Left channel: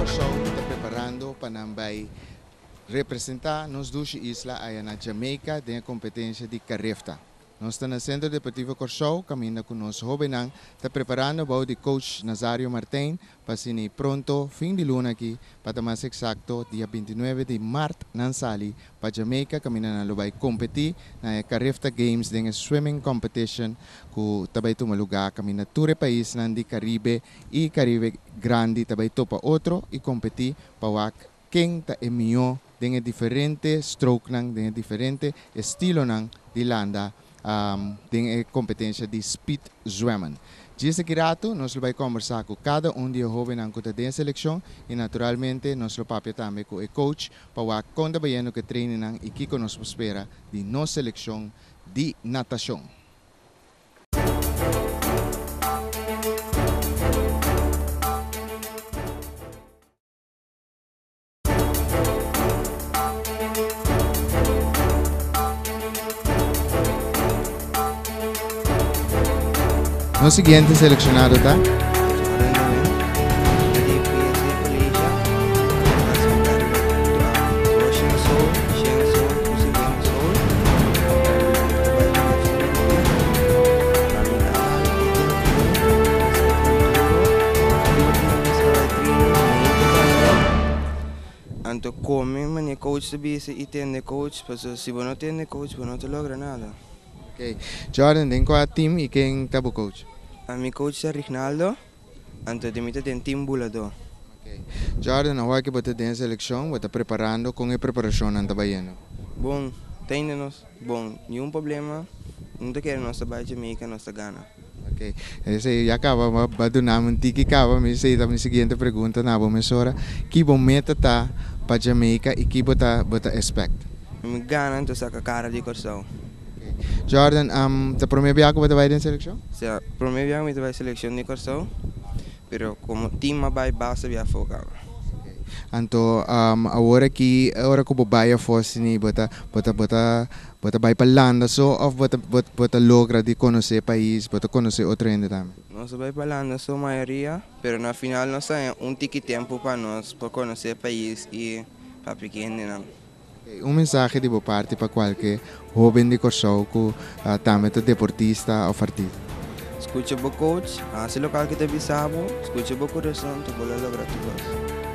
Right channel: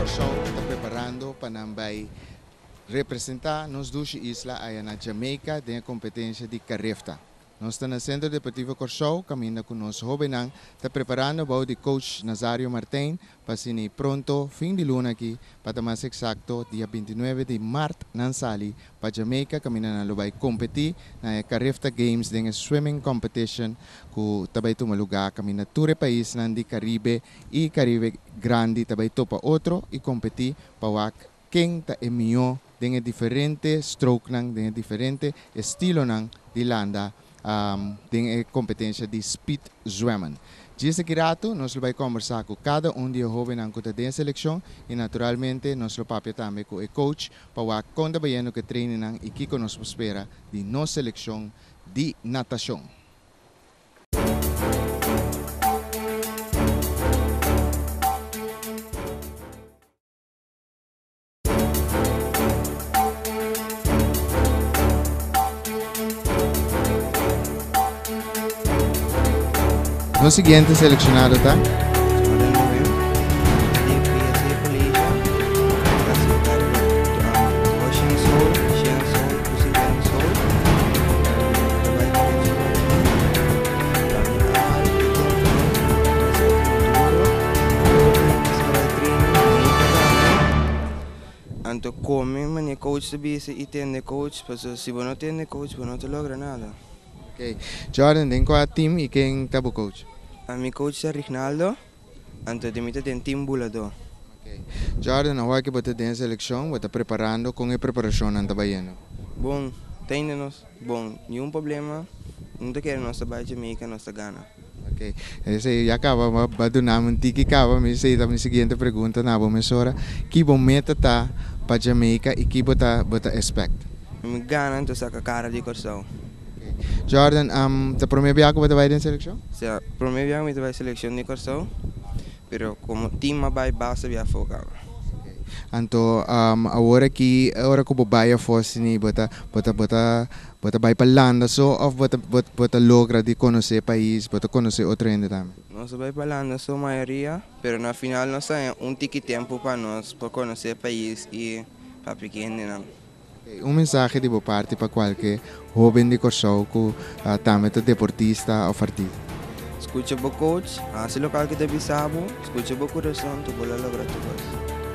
Corsao está preparando para representar nos duas islas aí na Jamaica tem a competência de carrefta. Nós estamos no Centro Deportivo Corsao, caminhando com nosso jovem, está preparando para o coach Nazario Martin para ser pronto, fim de luna aqui, para mais exato, dia 29 de março, na Sali, para Jamaica, caminhando na vai competir na Carrefta Games, tem swimming competition, que também toma lugar, caminhando todo o país, na Caribe e Caribe Grande, também topa outro e competir para quem está melhor, tem diferente stroke, tem diferente estilo de landa. Tem a competência de speed zwemmen. Desse rato, nós vamos conversar com cada de jovens que tem seleção e naturalmente nós vamos também com o coach para quando vayamos que treinem e que nos espera de nossa seleção de natação. No siguiente seleccionado está Jordan Lewin, de PSA Malaysia, classificado para Ocean Soul, Shen Soul, Pussy Wang Soul, trabalho na região kami ahal tempo nós trabalho treino, nem também. Anto come, mas coach sabia se tem coach, mas se você não tem coach, você não te logra nada. Okay. Jordan, tem qual team e quem está o coach? A mi coach é Rinaldo, anto de mim tem team bulador. Okay. Jordan, agora que você tem a seleção, você está preparando com a preparação na trabalhando? Bom, tem-nos, bom, nenhum problema, não te quero nossa baixa Jamaica, nossa Gana. Ok, esse já acaba, bado namin tiki acaba, mas sei também a seguinte pergunta na boa mesora, que bom meta tá para Jamaica e que bota expect? Mi Gana, então saca cara de Corsao. Jordan, te promete que você vai na seleção? Se a promete que vai seleção de Corsao, pero como time vai basta via focar. Então, agora que o baia fosse ni bota vai para landa só ou bota logra de conhecer país, bota conhecer outro ainda também. Nós vai para landa só maioria, pero na final nós tem tiki tempo para nós para conhecer país e para pequeno. Mensagem de boa parte para qualquer jovem de Corsao que também é deportista ou artista. Escucha o coach, hace local que te bisabo, escucha o coração, tu bola logra tu voz.